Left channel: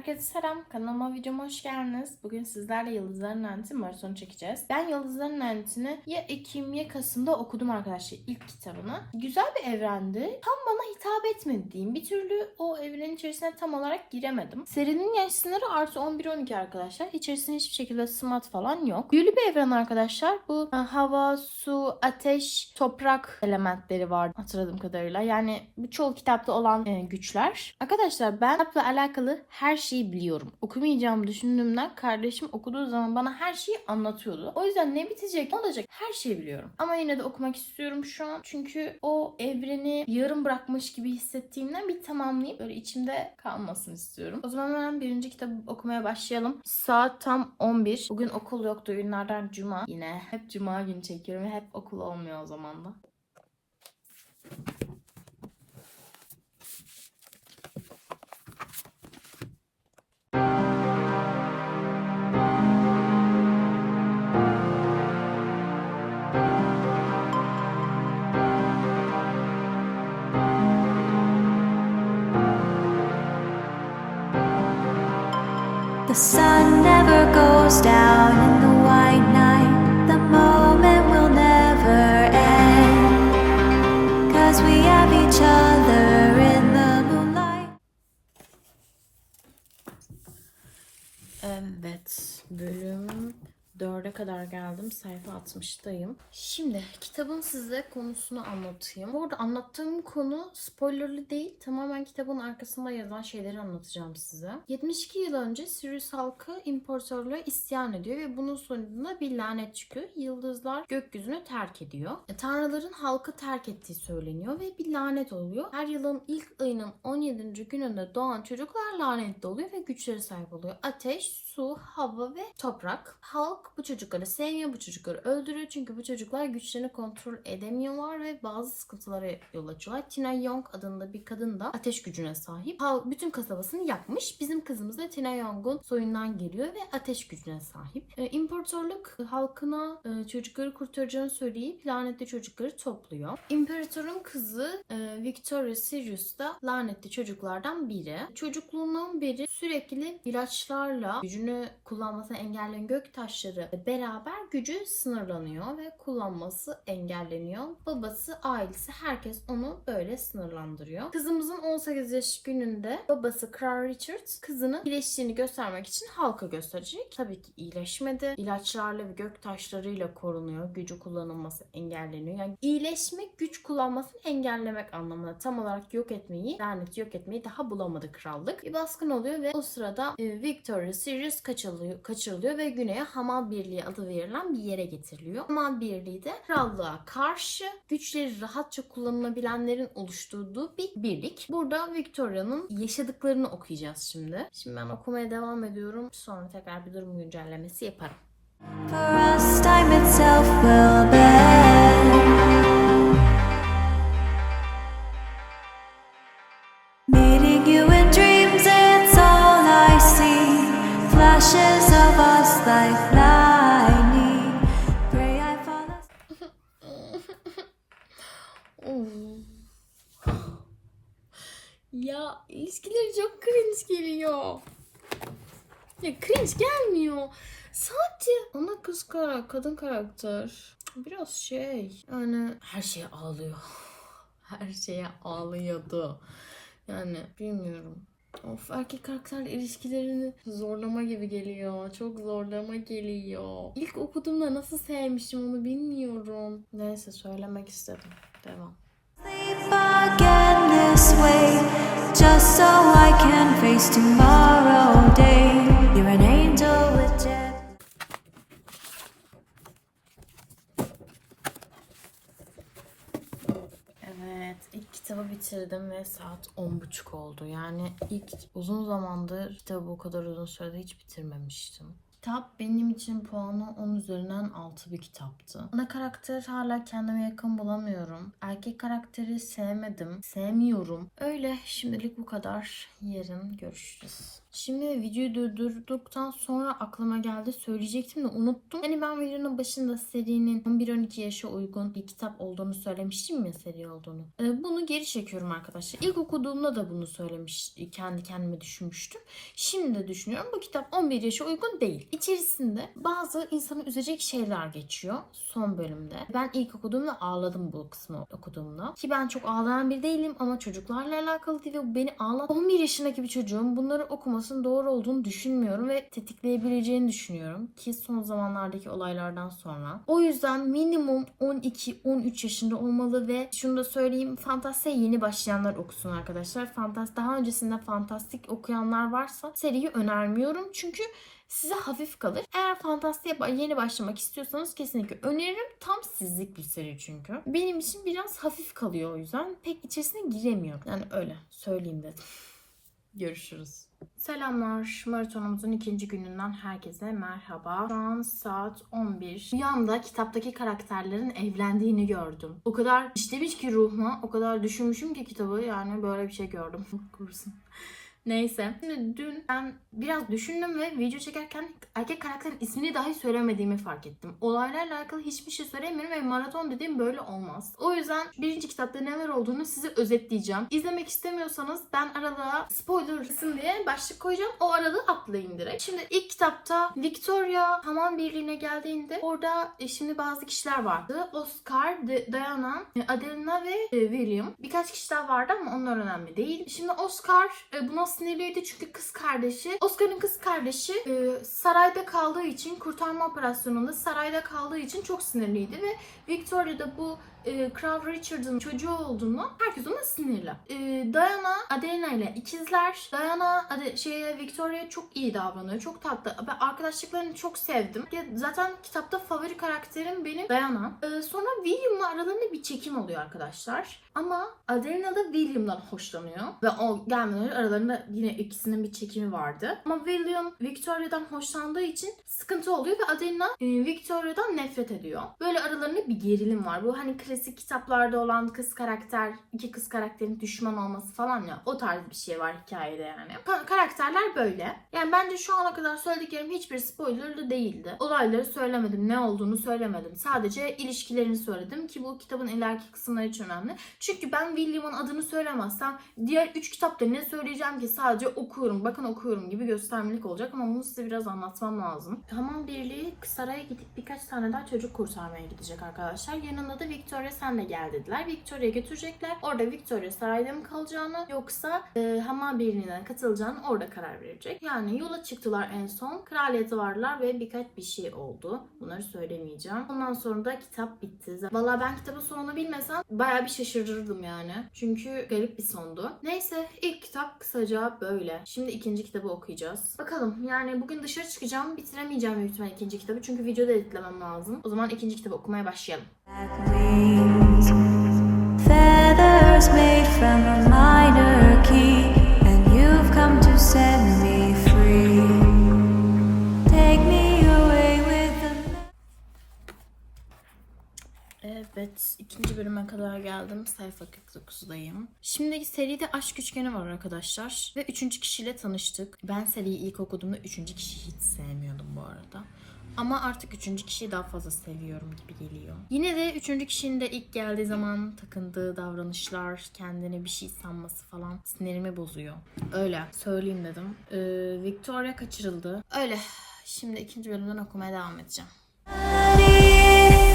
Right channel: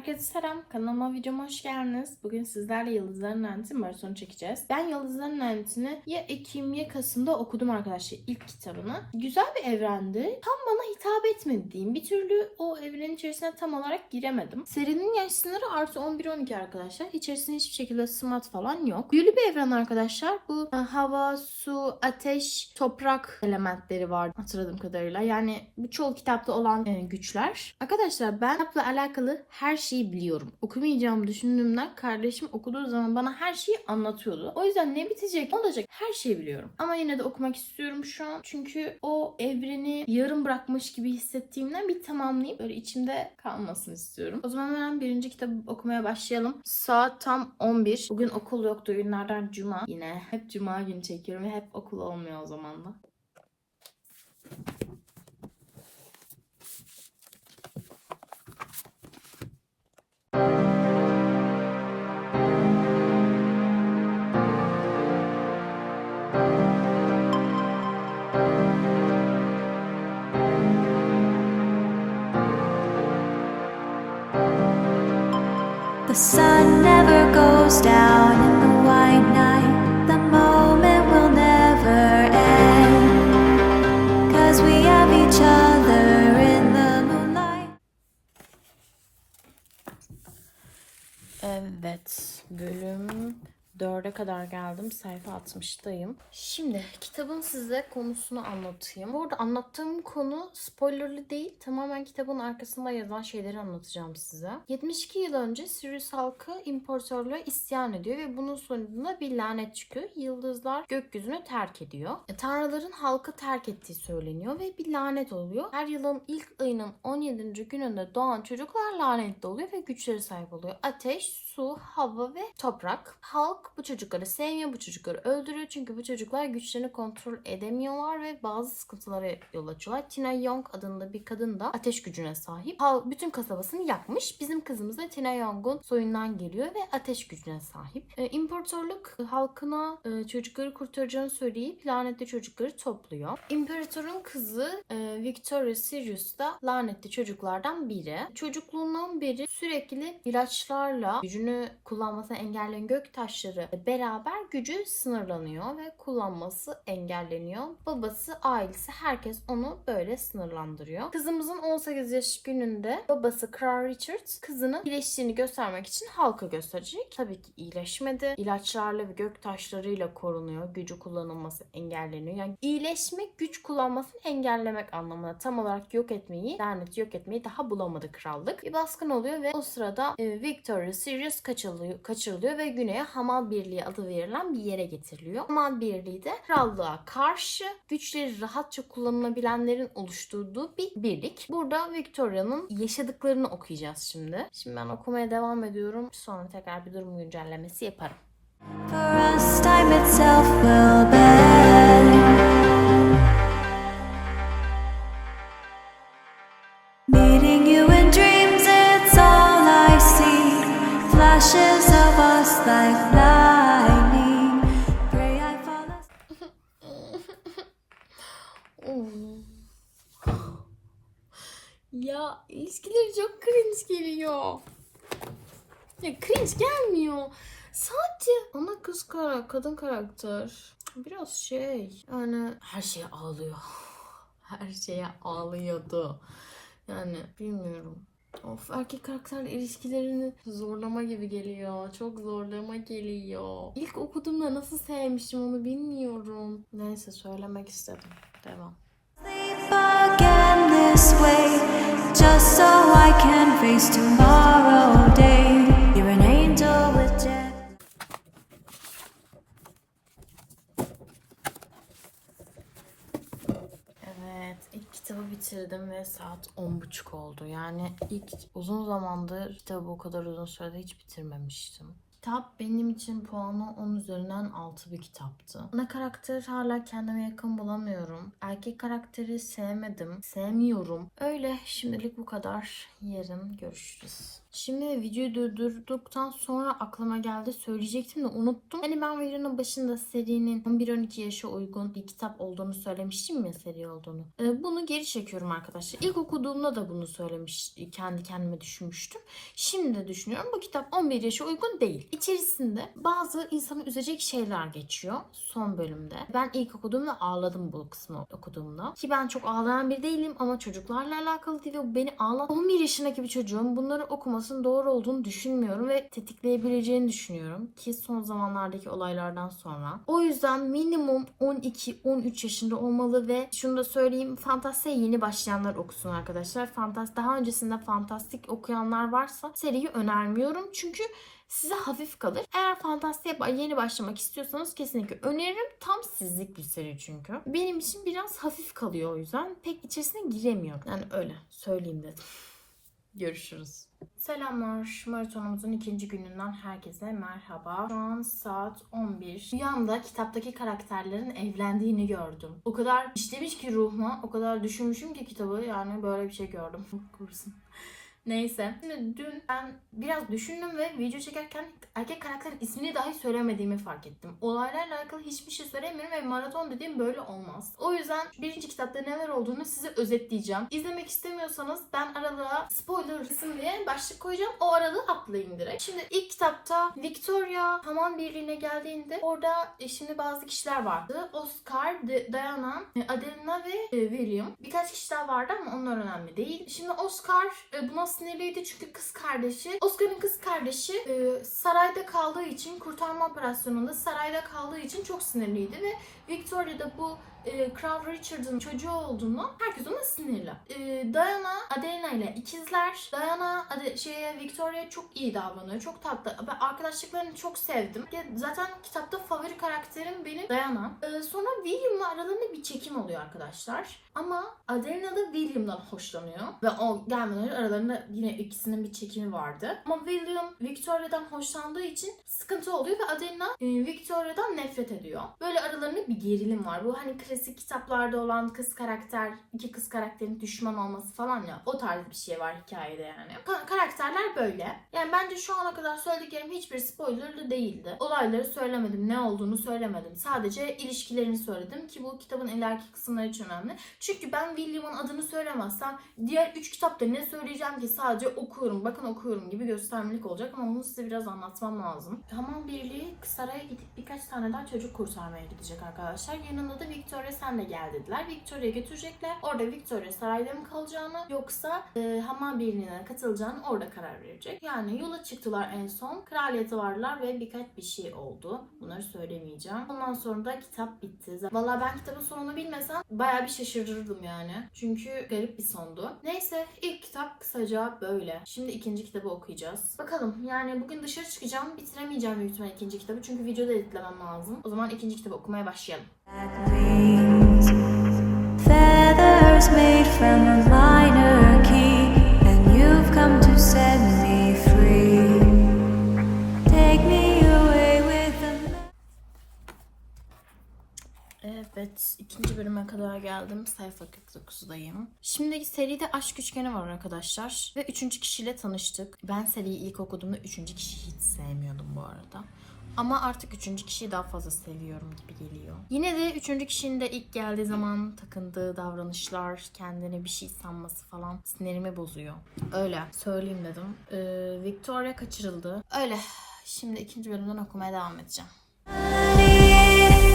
Herkese selam. Kanalıma videoma hoş geldiniz. Bugün sizlerle Yıldızların Laneti maratonu çekeceğiz. Ben Yıldızların Laneti'ni ya Ekim ya Kasım'da okudum arkadaşlar ilk kitabını. Güzel bir evrendi. Tam bana hitap etmedi diyeyim. Bir türlü o evrenin içerisine tam olarak giremedim. Serinin yaş sınırı artı 11-12 arkadaşlar. İçerisinde hiçbir şekilde smart falan yok. Büyülü bir evren arkadaşlar. Bu e, hava, su, ateş, toprak elementleri var hatırladığım kadarıyla. Yani bu çoğu kitapta olan e, güçler. Arkadaşlar ben kitapla alakalı her şeyi biliyorum. Okumayacağımı düşündüğümden kardeşim okuduğu zaman bana her şeyi anlatıyordu. O yüzden ne bitecek, ne olacak her şeyi biliyorum. Ama yine de okumak istiyorum şu an. Çünkü o evreni yarım bırakmış gibi hissettiğimden bir tamamlayıp böyle içimde kalmasını istiyorum. O zaman hemen birinci kitabı okumaya başlayalım. Saat tam 11. Bugün okul yoktu. Günlerden cuma. Yine hep cuma günü çekiyorum ve hep okul olmuyor o zaman da. Sun never goes down in the white night. 4'e kadar geldim. Sayfa 60'dayım. Şimdi kitabın size konusunu anlatayım. Bu arada anlattığım konu spoilerlı değil. Tamamen kitabın arkasında yazan şeyleri anlatacağım size. 72 yıl önce Sirius halkı imparatorluğa isyan ediyor ve bunun sonucunda bir lanet çıkıyor. Yıldızlar gökyüzünü terk ediyor. E, tanrıların halkı terk ettiği söyleniyor ve bir lanet oluyor. Her yılın ilk ayının 17. gününde doğan çocuklar lanetli oluyor ve güçleri sahip oluyor. Ateş, su, hava ve toprak. Halk bu çocukları sevmiyor, bu çocukları öldürüyor. Çünkü bu çocuklar güçlerini kontrol edemiyorlar ve bazı sıkıntılara yol açıyorlar. Tina Young adında bir kadın da ateş gücüne sahip. Bütün kasabasını yakmış. Bizim kızımız da Tina Young'un soyundan geliyor ve ateş gücüne sahip. Ee, İmparatorluk halkına e, çocukları kurtaracağını söyleyip lanetli çocukları topluyor. İmparatorun kızı e, Victoria Sirius da lanetli çocuklardan biri. Çocukluğundan beri sürekli ilaçlarla gücünü kullanmasını engelleyen gök taşları beraber gücü sınırlanıyor ve kullanması engelleniyor. Babası, ailesi herkes onu böyle sınırlandırıyor. Kızımızın 18 yaş gününde babası Kral Richard kızının iyileştiğini göstermek için halka gösterecek. Tabii ki iyileşmedi. İlaçlarla ve gök taşlarıyla korunuyor. Gücü kullanılması engelleniyor. Yani iyileşmek güç kullanmasını engellemek anlamına tam olarak yok etmeyi, laneti yok etmeyi daha bulamadı krallık. Bir baskın oluyor ve o sırada e, Victoria Sirius kaçırılıyor, kaçırılıyor ve güneye Hamal Birliği adı verilen bir yere getiriliyor. Hamal Birliği de krallığa karşı güçleri rahatça kullanılabilenlerin oluşturduğu bir birlik. Burada Victoria'nın yaşadıklarını okuyacağız şimdi. Şimdi ben okumaya devam ediyorum. Sonra tekrar bir durum güncellemesi yaparım. For us, time itself will bend. Ya ilişkileri çok cringe geliyor. Ya cringe gelmiyor. Sadece ana kız kara, kadın karakter. Biraz şey. Yani her şeye ağlıyor. Her şeye ağlıyordu. Yani bilmiyorum. Of erkek karakter ilişkilerini zorlama gibi geliyor. Çok zorlama geliyor. İlk okuduğumda nasıl sevmişim onu bilmiyorum. Neyse söylemek istedim. Devam. Just so I can face tomorrow day. You're an angel with jet. Evet, ilk kitabı bitirdim ve saat 10.30 oldu. Yani ilk uzun zamandır kitabı o kadar uzun sürede hiç bitirmemiştim. Kitap benim için puanı 10 üzerinden 6 bir kitaptı. Ana karakter hala kendime yakın bulamıyorum. Erkek karakteri sevmedim, sevmiyorum. Öyle şimdilik bu kadar. Yarın görüşürüz. Şimdi videoyu durdurduktan sonra aklıma geldi söyleyecektim de unuttum. Hani ben videonun başında serinin 11-12 yaşa uygun bir kitap olduğunu söylemiştim ya seri olduğunu. Ee, bunu geri çekiyorum arkadaşlar. İlk okuduğumda da bunu söylemiş, kendi kendime düşünmüştüm. Şimdi de düşünüyorum bu kitap 11 yaşa uygun değil. İçerisinde bazı insanı üzecek şeyler geçiyor son bölümde. Ben ilk okuduğumda ağladım bu kısmı okuduğumda. Ki ben çok ağlayan bir değilim ama çocuklarla alakalı değil bu beni ağlat. 11 yaşındaki bir çocuğun bunları okumasının doğru olduğunu düşünmüyorum ve tetikleyebileceğini düşünüyorum. Ki son zamanlardaki olaylardan sonra. O yüzden minimum 12-13 yaşında olmalı ve şunu da söyleyeyim fantastiğe yeni başlayanlar okusun arkadaşlar. Fantast daha öncesinde fantastik okuyanlar varsa seriyi önermiyorum. Çünkü size hafif kalır. Eğer fantastiğe yeni başlamak istiyorsanız kesinlikle öneririm. Tam sizlik bir seri çünkü. Benim için biraz hafif kalıyor o yüzden. Pek içerisine giremiyorum. Yani öyle söyleyeyim dedim. Görüşürüz. Selamlar. Maratonumuzun ikinci gününden herkese merhaba. Şu an saat 11. Rüyamda kitaptaki karakterlerin evlendiğini gördüm. O kadar işlemiş ki ruhuma, o kadar düşünmüşüm ki kitabı yani böyle bir şey gördüm. Kursun. Neyse. Şimdi dün ben biraz düşündüm ve video çekerken erkek karakterin ismini dahi söylemediğimi fark ettim. Olaylarla alakalı hiçbir şey söylemiyorum ve maraton dediğim böyle olmaz. O yüzden birinci kitapta neler olduğunu size özetleyeceğim. İzlemek istemiyorsanız ben aralığa spoiler kısım diye başlık koyacağım. O aralığı atlayın direkt. Şimdi ilk kitapta Victoria Hamam Birliği'ne geldiğinde orada e, şimdi bazı kişiler vardı. Oscar, D- Diana, e, Adelina ve e, William. Birkaç kişi daha vardı ama onlar önemli değil. Şimdi Oscar buna sinirliydi çünkü kız kardeşi, Oscar'ın kız kardeşi e, sarayda kaldığı için, kurtarma operasyonunda sarayda kaldığı için çok sinirliydi ve Victoria da bu e, Kral Richard'ın çocuğu olduğunu herkes ona sinirli. E, Diana, Adelina ile ikizler. Diana Ade, şeye Victoria'ya çok iyi davranıyor. Çok tatlı. Ben arkadaşlıklarını çok sevdim. Ya, zaten kitapta favori karakterim benim Diana. E, sonra William'la aralarında bir çekim oluyor arkadaşlar. Ama Adelina da William'dan hoşlanıyor. Ve o gelmeden önce aralarında yine ikisinin bir çekimi vardı. Ama William Victoria'dan hoşlandığı için sıkıntı oluyor ve Adelina e, Victoria'dan nefret ediyor. Böyle aralarında bir gerilim var. Bu hani klasik kitaplarda olan kız karakter, iki kız karakterin düşman olması falan ya. O tarz bir şey var hikayede yani. Ka- karakterler böyle. Yani bence şu ana kadar söylediklerim hiçbir spoilerlı değildi. Olayları söylemedim, ne olduğunu söylemedim. Sadece ilişkilerini söyledim ki bu kitabın ileriki kısımları için önemli. Çünkü ben William'ın adını söylemezsem diğer üç kitapta ne söyleyeceğim ki sadece okuyorum, bakın okuyorum gibi göstermelik olacak ama bunu size biraz anlatmam lazım. Hamam Birliği saraya gidip birkaç tane daha çocuk kurtarmaya gidecek arkadaşlar. Yanında da Victoria sen de gel dediler. Victoria'ya götürecekler. Orada Victoria sarayda mı kalacağını yoksa e, Hamam Birliği'ne katılacağını orada karar verecek. Yani yola çıktılar en son. Kraliyete vardılar ve birkaç bir şey oldu. Bunları söylemeyeceğim. Ondan sonra da kitap bitti. Valla ben kitabın sonunu bilmesem bayağı bir şaşırırdım yani. Çünkü garip bir sondu. Neyse ilk kitap kısaca böyle. Şimdi ikinci kitabı okuyacağız. Bakalım yani bugün dışarı çıkacağım. Bitiremeyeceğim büyük ikinci kitabı. Çünkü videoda editlemem lazım. O zaman ikinci kitabı okumaya başlayalım. Evet, ikinci bölüme kadar geldim. Sayfa 49'dayım. Şimdiki seride aşk üçgeni var arkadaşlar. Ve üçüncü kişiyle tanıştık. Ben seriyi ilk okuduğumda üçüncü kişiyi hiç sevmiyordum bu arada. Ama artık üçüncü kişiyi daha fazla seviyorum gibi geliyor. Yine de üçüncü kişinin de ilk geldiği zaman takındığı davranışlar, kendine bir şey sanması falan sinirimi bozuyor. Öyle söyleyeyim dedim. Ee, Victoria kaçırıldı. Öyle. Şimdi ikinci bölümden okumaya devam edeceğim.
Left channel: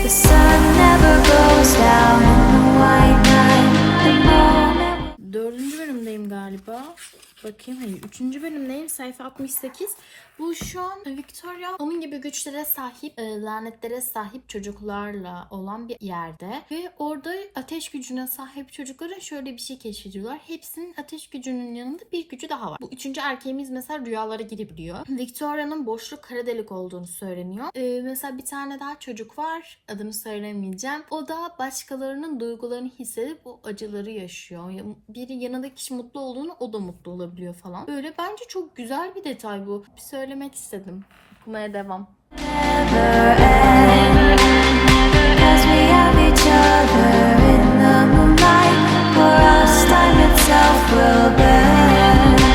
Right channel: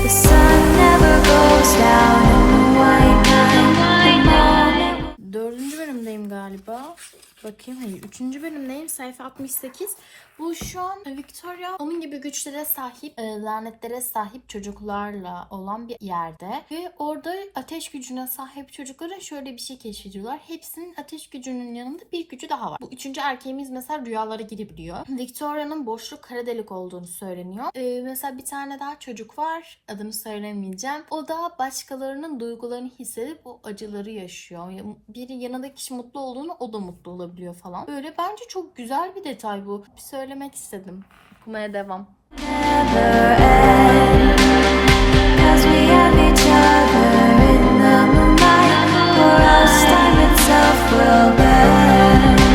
The sun never goes down in the white night. The moment Dördüncü bölümdeyim galiba. Bakayım hayır. Üçüncü bölümdeyim. Sayfa 68. Bu şu an Victoria onun gibi güçlere sahip, e, lanetlere sahip çocuklarla olan bir yerde. Ve orada ateş gücüne sahip çocuklara şöyle bir şey keşfediyorlar. Hepsinin ateş gücünün yanında bir gücü daha var. Bu üçüncü erkeğimiz mesela rüyalara girebiliyor. Victoria'nın boşluk kara delik olduğunu söyleniyor. E, mesela bir tane daha çocuk var. Adını söylemeyeceğim. O da başkalarının duygularını hissedip o acıları yaşıyor. Biri yanındaki kişi mutlu olduğunu o da mutlu olabiliyor falan. Böyle bence çok güzel bir detay bu. Bir söylemek istedim. Okumaya devam. never end. Cause we have each other in the moonlight. For us, time itself will bend.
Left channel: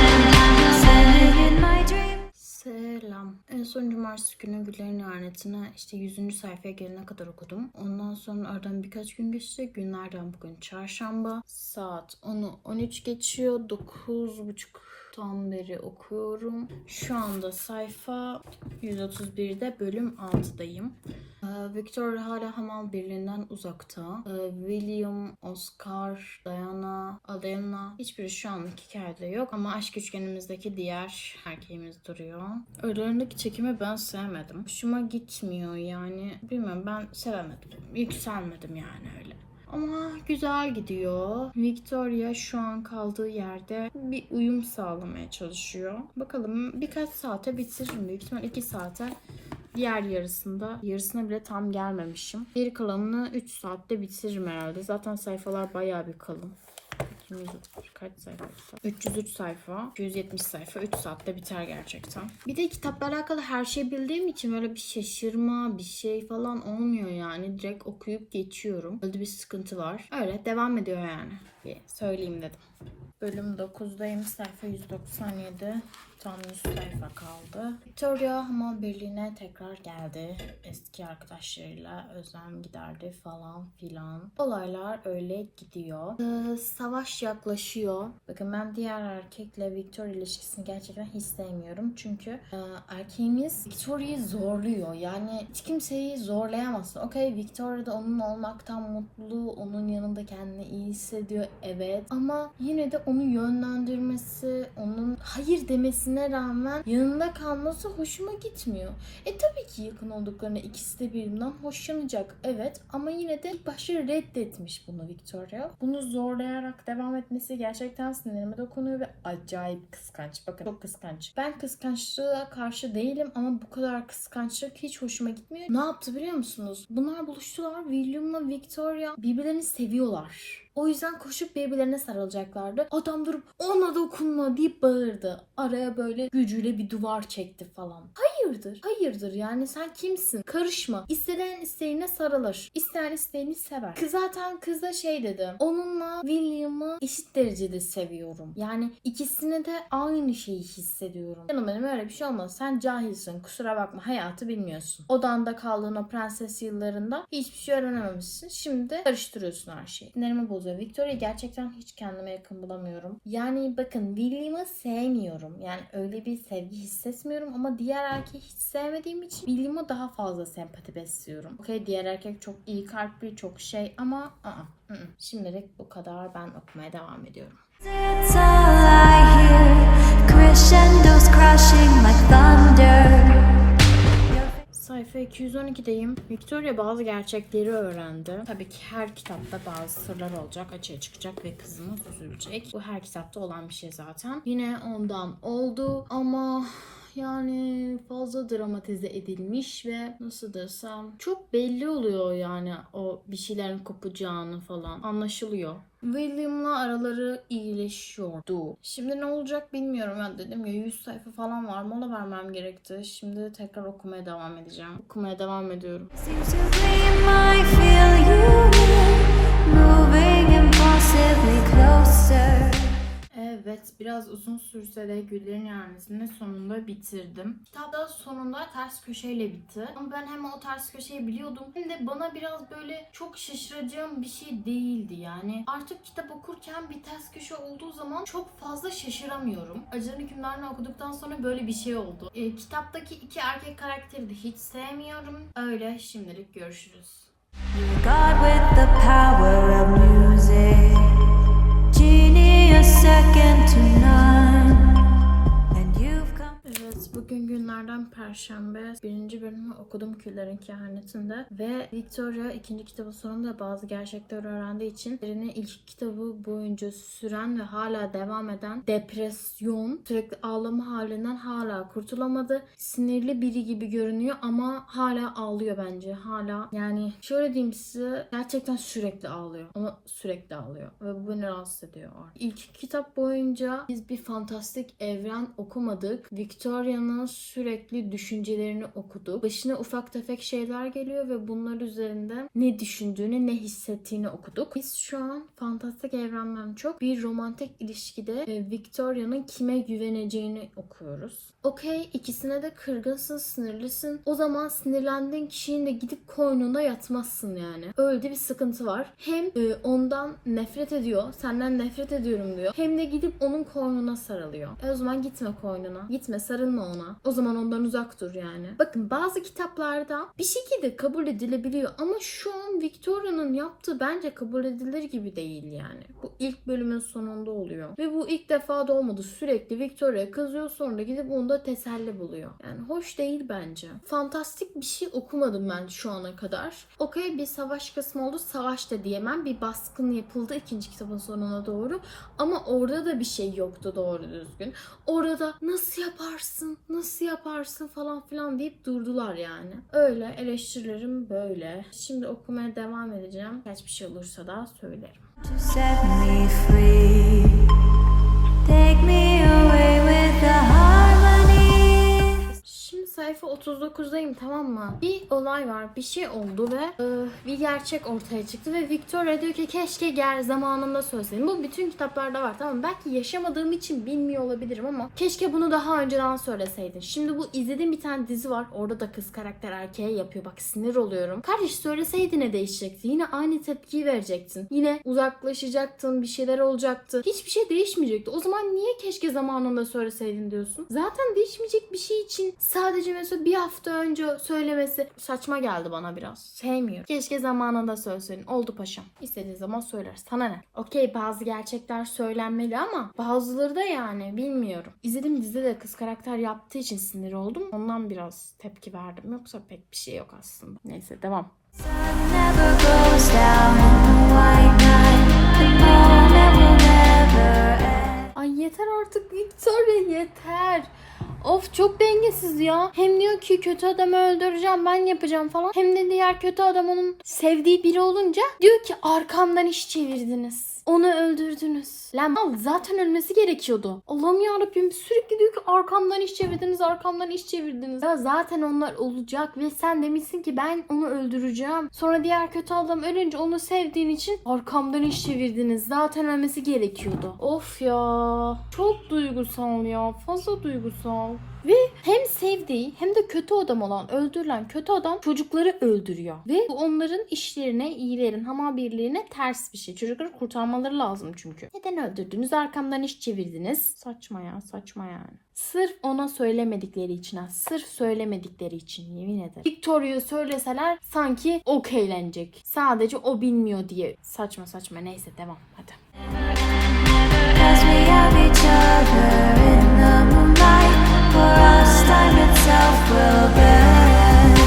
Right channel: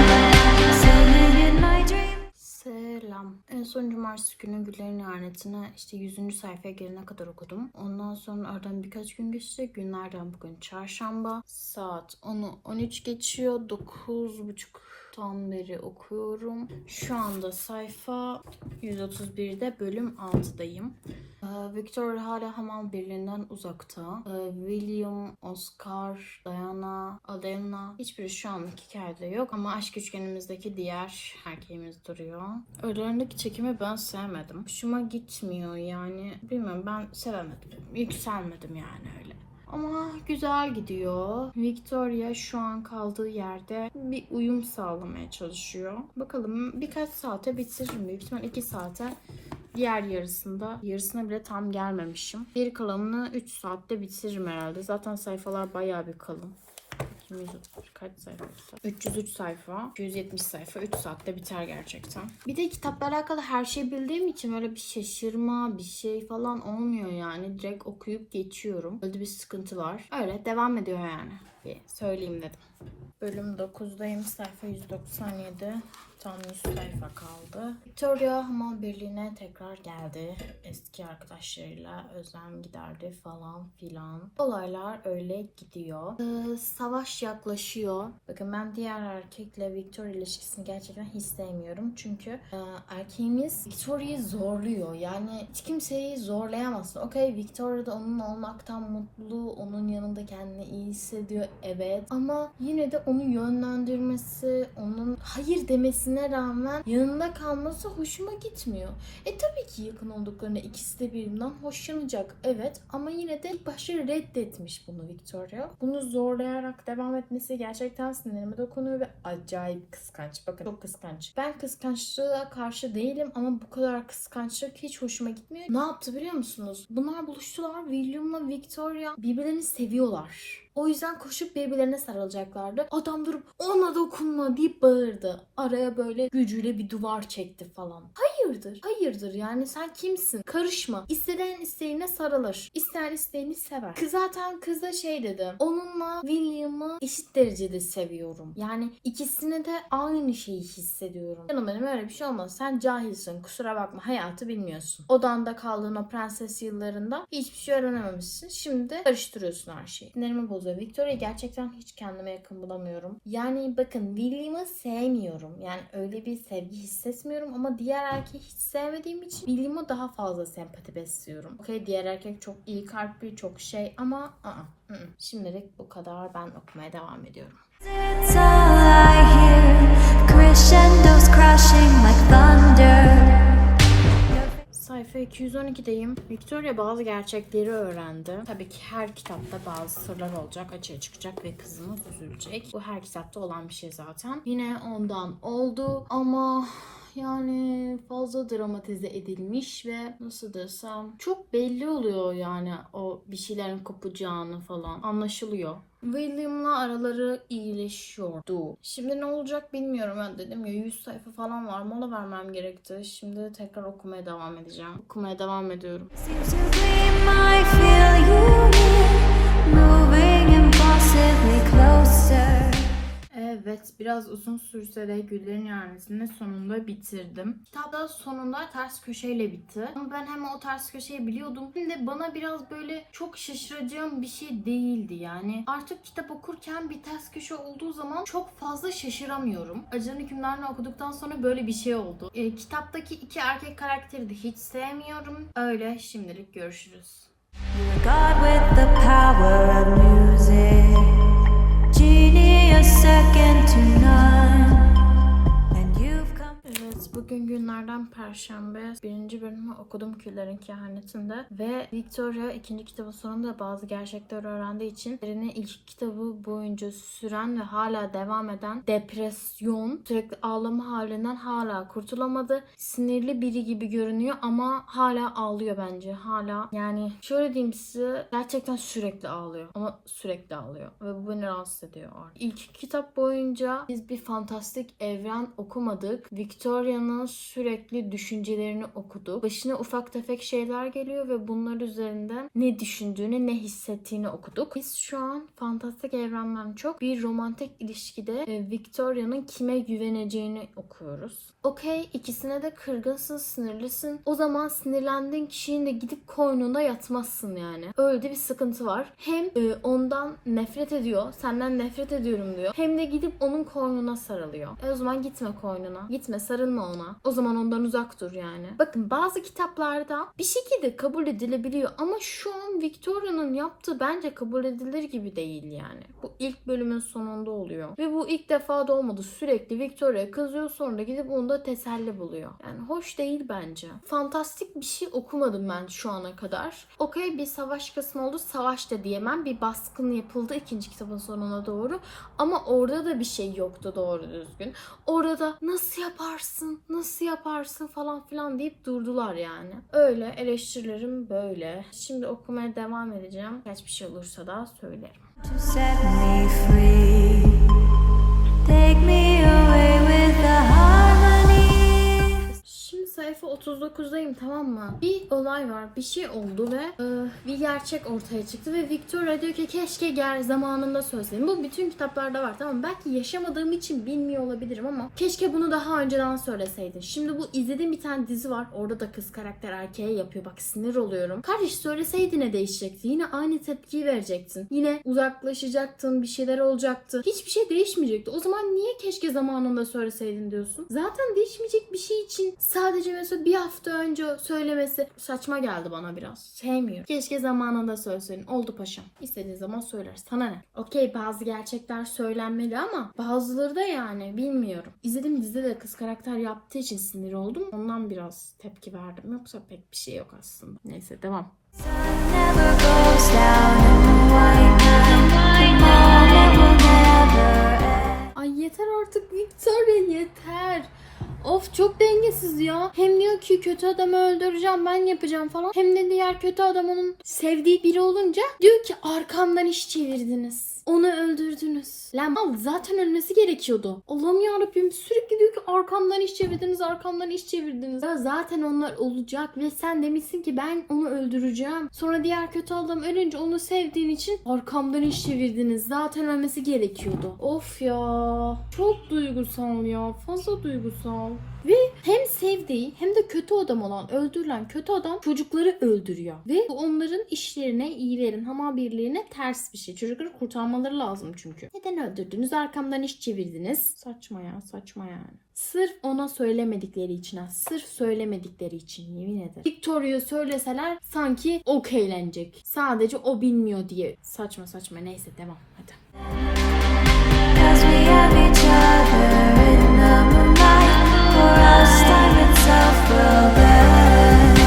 En son cumartesi günü Güllerin İhaneti'ne işte 100. sayfaya gelene kadar okudum. Ondan sonra aradan birkaç gün geçti. Günlerden bugün çarşamba. Saat 10'u 13 geçiyor. 9.30 tam beri okuyorum. Şu anda sayfa 131'de bölüm 6'dayım. Ee, Victor hala Hamal Birliği'nden uzakta. Ee, William, Oscar, Diana, Alena hiçbiri şu anlık hikayede yok ama aşk üçgenimizdeki diğer erkeğimiz duruyor. Aralarındaki çekimi ben sevmedim. Hoşuma gitmiyor yani. Bilmiyorum ben sevemedim. Yükselmedim yani öyle. Ama güzel gidiyor. Victoria şu an kaldığı yerde bir uyum sağlamaya çalışıyor. Bakalım birkaç saate bitiririm. Büyük ihtimal 2 saate diğer yarısında yarısına bile tam gelmemişim. Geri kalanını 3 saatte bitiririm herhalde. Zaten sayfalar bayağı bir kalın. 200 kaç sayfa? 303 sayfa, 270 sayfa 3 saatte biter gerçekten. Bir de kitapla alakalı her şey bildiğim için öyle bir şaşırma, bir şey falan olmuyor yani. Direkt okuyup geçiyorum. Öyle bir sıkıntı var. Öyle devam ediyor yani. Bir söyleyeyim dedim. Bölüm 9'dayım. Sayfa 197. Tam 100 sayfa kaldı. Victoria Hamal Birliği'ne tekrar geldi. Eski arkadaşlarıyla özlem giderdi falan filan. Olaylar öyle gidiyor. Ee, savaş yaklaşıyor. Bakın ben diğer erkekle Victoria ilişkisini gerçekten hiç sevmiyorum. Çünkü e, erkeğimiz Victoria'yı zorluyor. Yani hiç kimseyi zorlayamazsın. Okey Victoria da onunla olmaktan mutlu. Onun yanında kendini iyi hissediyor. Evet. Ama yine de onu yönlendirmesi, onun hayır demesine rağmen yanında kalması hoşuma gitmiyor. E tabii ki yakın olduklarında ikisi de birbirinden hoşlanacak. Evet ama yine de başta reddetmiş bunu Victoria. Bunu zorlayarak devam etmesi gerçekten sinirime dokunuyor ve acayip kıskanç. Bakın çok kıskanç. Ben kıskançlığa karşı değilim ama bu kadar kıskançlık hiç hoşuma gitmiyor. Ne yaptı biliyor musunuz? Bunlar buluştular. William'la Victoria birbirlerini seviyorlar. O yüzden koşup birbirlerine sarılacaklardı. Adam durup ona dokunma deyip bağırdı. Araya böyle gücüyle bir duvar çekti falan. Hayırdır? Hayırdır yani sen kimsin? Karışma. İstenen isteğine sarılır. İster isteğini sever. Kız zaten kız da şey dedi. Onunla William'ı eşit derecede seviyorum. Yani ikisine de aynı şeyi hissediyorum. Benim benim öyle bir şey olmaz. Sen cahilsin. Kusura bakma. Hayatı bilmiyorsun. Odanda kaldığın o prenses yıllarında hiçbir şey öğrenememişsin. Şimdi karıştırıyorsun her şeyi. Sinirimi bozuyor. Victoria gerçekten hiç kendime yakın bulamıyorum. Yani bakın William'ı sevmiyorum. Yani öyle bir sevgi hissetmiyorum ama diğer erkeği hiç sevmediğim için William'a daha fazla sempati besliyorum. Okey diğer erkek çok iyi kalpli, çok şey ama ı -ı, ı -ı. şimdilik bu kadar. Ben okumaya devam ediyorum. It's all I hear, crescendos crashing like thunder. Sayfa 212'deyim. Victoria bazı gerçekleri öğrendi. Tabii ki her kitapta bazı sırlar olacak, açığa çıkacak ve kızımız üzülecek. Bu her kitapta olan bir şey zaten. Yine ondan oldu ama yani fazla dramatize edilmiş ve nasıl desem çok belli oluyor yani o bir şeylerin kopacağını falan anlaşılıyor. William'la araları iyileşiyordu. Şimdi ne olacak bilmiyorum. Ben dedim ya 100 sayfa falan var. Mola vermem gerekti. Şimdi tekrar okumaya devam edeceğim. Okumaya devam ediyorum. Seems to gleam, I feel you here, moving impossibly. Evet, biraz uzun sürse de Güllerin Yanesi'ni sonunda bitirdim. Kitapta sonunda ters köşeyle bitti. Ama ben hem o ters köşeyi biliyordum hem de bana biraz böyle çok şaşıracağım bir şey değildi yani. Artık kitap okurken bir ters köşe olduğu zaman çok fazla şaşıramıyorum. Acıların hükümlerini okuduktan sonra böyle bir şey oldu. E, kitaptaki iki erkek karakteri de hiç sevmiyorum. Öyle şimdilik görüşürüz. God with the power of music, second to none, Perşembe. Birinci bölümü okudum Küllerin Kehaneti'nde. Ve Victoria ikinci kitabın sonunda bazı gerçekleri öğrendiği için Erin'in ilk kitabı boyunca süren ve hala devam eden depresyon, sürekli ağlama halinden hala kurtulamadı. Sinirli biri gibi görünüyor ama hala ağlıyor bence. Hala yani şöyle diyeyim size gerçekten sürekli ağlıyor. Ama sürekli ağlıyor. Ve bu beni rahatsız ediyor artık. İlk kitap boyunca biz bir fantastik evren okumadık. Victoria'nın sürekli düşüncelerini okuduk. Başına ufak tefek şeyler geliyor ve bunlar üzerinden ne düşündüğünü, ne hissettiğini okuduk. Biz şu an fantastik evrenden çok bir romantik ilişkide e, Victoria'nın kime güveneceğini okuyoruz. Okey ikisine de kırgınsın, sinirlisin. O zaman sinirlendiğin kişinin de gidip koynunda yatmazsın yani. Öyle bir sıkıntı var. Hem e, ondan nefret ediyor, senden nefret ediyorum diyor. Hem de gidip onun koynuna sarılıyor. E o zaman gitme koynuna. Gitme sarılma ona. O zaman ondan uzak dur yani. Bakın bazı kitaplarda bir şekilde kabul edilebiliyor ama şu an Victoria'nın yaptığı bence kabul edilir gibi değil yani. Bu ilk bölümün sonunda oluyor. Ve bu ilk defa da olmadı. Sürekli Victoria kızıyor sonra gidip onda teselli buluyor. Yani hoş değil bence. Fantastik bir şey okumadım ben şu ana kadar. Okey bir savaş kısmı oldu. Savaş da diyemem. Bir baskın yapıldı ikinci kitabın sonuna doğru. Ama orada da bir şey yoktu doğru düzgün. Orada nasıl yaparsın, nasıl yaparsın falan filan deyip durdular yani. Öyle eleştirilerim böyle. Şimdi okumaya devam edeceğim. Kaç bir şey olursa da söylerim. Take me sayfa 39'dayım tamam mı? Bir olay var, bir şey oldu ve e, bir gerçek ortaya çıktı ve Victoria diyor ki keşke gel zamanında söyleseydim. Bu bütün kitaplarda var tamam mı? Belki yaşamadığım için bilmiyor olabilirim ama keşke bunu daha önceden söyleseydin. Şimdi bu izlediğim bir tane dizi var. Orada da kız karakter erkeğe yapıyor. Bak sinir oluyorum. Kardeş söyleseydi ne değişecekti? Yine aynı tepkiyi verecektin. Yine uzaklaşacaktın, bir şeyler olacaktı. Hiçbir şey değişmeyecekti. O zaman niye keşke zamanında söyleseydin diyorsun? Zaten değişmeyecek bir şey için sadece mesela bir hafta önce söylemesi saçma geldi bana biraz. Sevmiyorum. Keşke zamanında söyleseydin. Oldu paşam. İstediğin zaman söyler. Sana ne? Okey bazı gerçekler söylenmeli ama bazıları da yani bilmiyorum. İzlediğim dizide de kız karakter yaptığı için sinir oldum. Ondan biraz tepki verdim. Yoksa pek bir şey yok aslında. Neyse devam. Sun never goes down Hem diyor ki kötü adamı öldüreceğim ben yapacağım falan. Hem de diğer kötü adam onun sevdiği biri olunca diyor ki arkamdan iş çevirdiniz. Onu öldürdünüz. Lan zaten ölmesi gerekiyordu. Allah'ım yarabbim sürekli diyor ki arkamdan iş çevirdiniz, arkamdan iş çevirdiniz. Ya zaten onlar olacak ve sen demişsin ki ben onu öldüreceğim. Sonra diğer kötü adam ölünce onu sevdiğin için arkamdan iş çevirdiniz. Zaten ölmesi gerekiyordu. Of ya. Çok duygusal ya. Fazla duygusal. Ve hem sevdiği hem de kötü adam olan öldürülen kötü adam çocukları öldürüyor. Ve bu onların işlerine, iyilerin, hama birliğine ters bir şey. Çocukları kurtarmaları lazım çünkü. Neden öldürdünüz? Arkamdan iş çevirdiniz. Saçma ya saçma yani. Sırf ona söylemedikleri için ha. Sırf söylemedikleri için yemin ederim. Victoria'ya söyleseler sanki okeylenecek. Sadece o bilmiyor diye. Saçma saçma neyse devam hadi. Cause we have each other in the moonlight. For us, time itself will bend.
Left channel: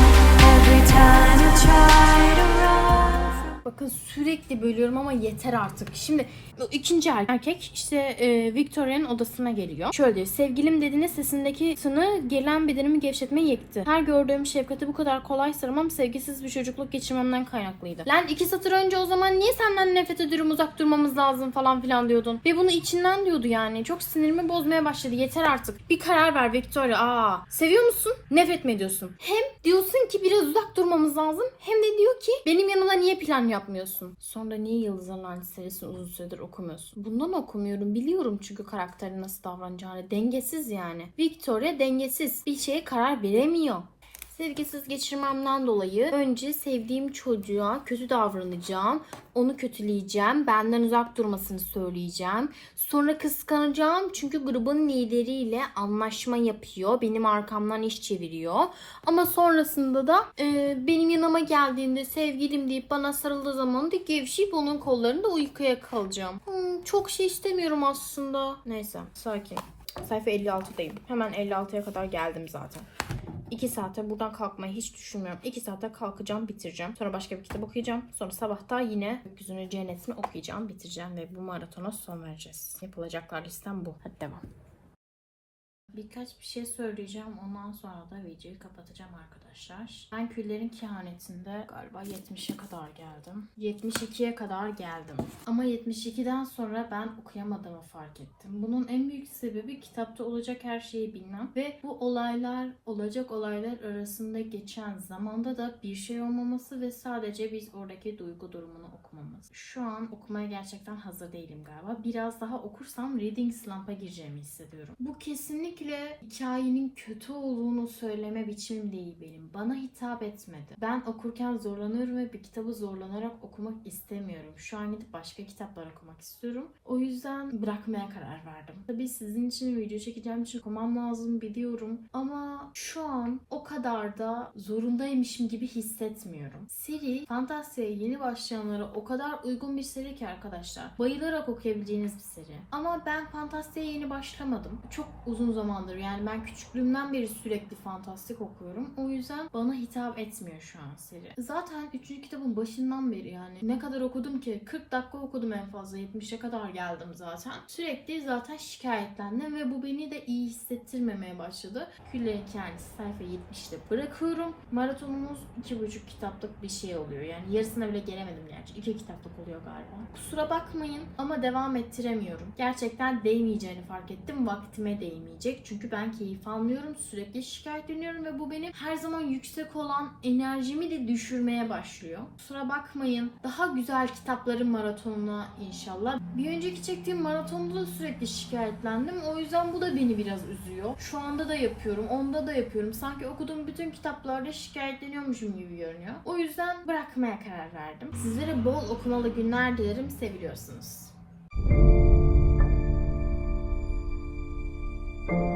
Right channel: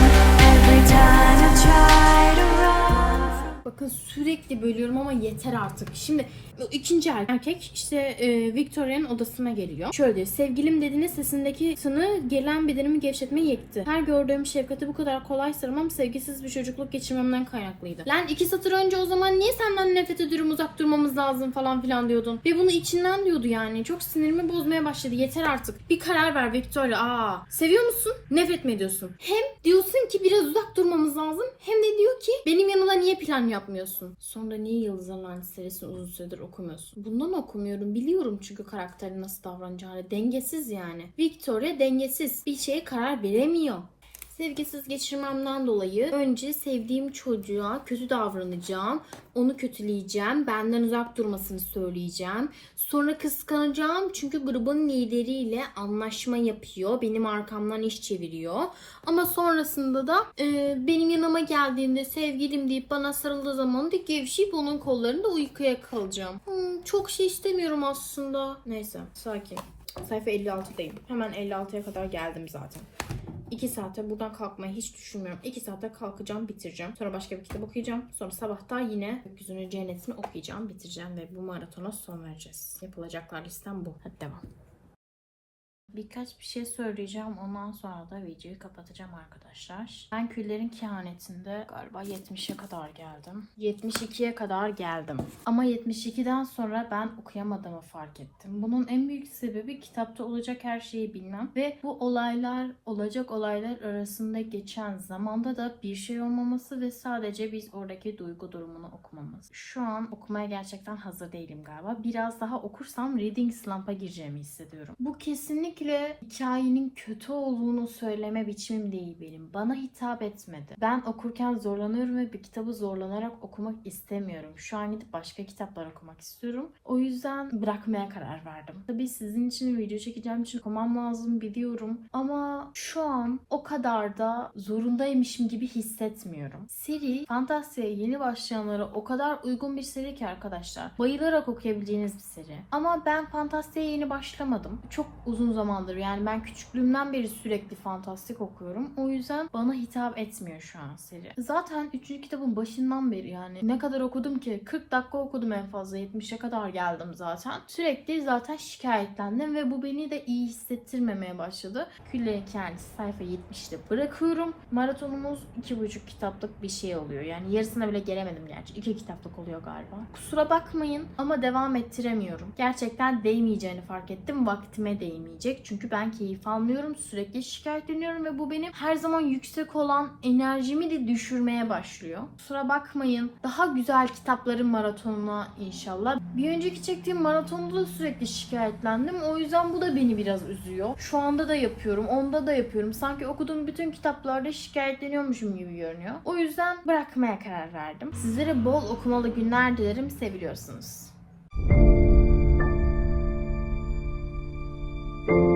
Every time you try to run from Bakın sürekli bölüyorum ama yeter artık. Şimdi bu ikinci erkek işte e, Victoria'nın odasına geliyor. Şöyle diyor. Sevgilim dediğinde sesindeki tını gelen bedenimi gevşetmeye yetti. Her gördüğüm şefkati bu kadar kolay sarmam sevgisiz bir çocukluk geçirmemden kaynaklıydı. Lan iki satır önce o zaman niye senden nefret ediyorum uzak durmamız lazım falan filan diyordun. Ve bunu içinden diyordu yani. Çok sinirimi bozmaya başladı. Yeter artık. Bir karar ver Victoria. Aa, seviyor musun? Nefret mi ediyorsun? Hem diyorsun ki biraz uzak durmamız lazım. Hem de diyor ki benim yanımda niye plan yapmıyorsun? Sonra niye Yıldızların Lanet serisini uzun süredir okumuyorsun? Bundan okumuyorum. Biliyorum çünkü karakterin nasıl davranacağını. Dengesiz yani. Victoria dengesiz. Bir şeye karar veremiyor. Sevgisiz geçirmemden dolayı önce sevdiğim çocuğa kötü davranacağım. Onu kötüleyeceğim. Benden uzak durmasını söyleyeceğim. Sonra kıskanacağım çünkü grubun lideriyle anlaşma yapıyor. Benim arkamdan iş çeviriyor. Ama sonrasında da e, benim yanıma geldiğinde sevgilim deyip bana sarıldığı zaman da gevşeyip onun kollarında uykuya kalacağım. Hmm, çok şey istemiyorum aslında. Neyse sakin. Sayfa 56'dayım. Hemen 56'ya kadar geldim zaten. 2 saate buradan kalkmayı hiç düşünmüyorum. 2 saate kalkacağım, bitireceğim. Sonra başka bir kitap okuyacağım. Sonra sabahta yine Gökyüzünün Cennetini okuyacağım, bitireceğim ve bu maratona son vereceğiz. Yapılacaklar listem bu. Hadi devam. Birkaç bir şey söyleyeceğim. Ondan sonra da videoyu kapatacağım arkadaşlar. Ben küllerin kehanetinde galiba 70'e kadar geldim. 72'ye kadar geldim. Ama 72'den sonra ben okuyamadığımı fark ettim. Bunun en büyük sebebi kitapta olacak her şeyi bilmem. Ve bu olaylar, olacak olaylar arasında geçen zamanda da bir şey olmaması ve sadece biz oradaki duygu durumunu okumamız. Şu an okumaya gerçekten hazır değilim galiba. Biraz daha okursam reading slump'a gireceğimi hissediyorum. Bu kesinlikle hikayenin kötü olduğunu söyleme biçimim değil benim. Bana hitap etmedi. Ben okurken zorlanıyorum ve bir kitabı zorlanarak okumak istemiyorum. Şu an gidip başka kitaplar okumak istiyorum. O yüzden bırakmaya karar verdim. Tabii sizin için video çekeceğim için okumam lazım biliyorum. Ama şu an o kadar da zorundaymışım gibi hissetmiyorum. Seri fantasyaya yeni başlayanlara o kadar uygun bir seri ki arkadaşlar. Bayılarak okuyabileceğiniz bir seri. Ama ben fantasyaya yeni başlamadım. Çok uzun zamandır yani ben küçüklüğümden beri sürekli fantastik okuyorum. O yüzden bana hitap etmiyor şu an seri. Zaten 3. kitabın başından beri yani ne kadar okudum ki 40 dakika okudum en fazla 70'e kadar geldim zaten. Sürekli zaten şikayetlendim ve bu beni de iyi hissettirmemeye başladı. Küllerin kendisi sayfa 70'te bırakıyorum. Maratonumuz 2,5 kitaplık bir şey oluyor. Yani yarısına bile gelemedim gerçi. 2 kitaplık oluyor galiba. Kusura bakmayın ama devam ettiremiyorum. Gerçekten değmeyeceğini fark ettim. Vaktime değmeyecek. Çünkü ben keyif almıyorum. Sürekli şikayetleniyorum ve bu benim her zaman yüksek olan enerjimi de düşürmeye başlıyor. Kusura bakmayın. Daha güzel kitapların maratonuna inşallah. Bir önceki çektiğim maratonda da sürekli şikayetlendim. O yüzden bu da beni biraz üzüyor. Şu anda da yapıyorum. Onda da yapıyorum. Sanki okuduğum bütün kitaplarda şikayetleniyormuşum gibi görünüyor. O yüzden bırakmaya karar verdim. Sizlere bol okumalı günler dilerim. Seviyorsunuz. Thank you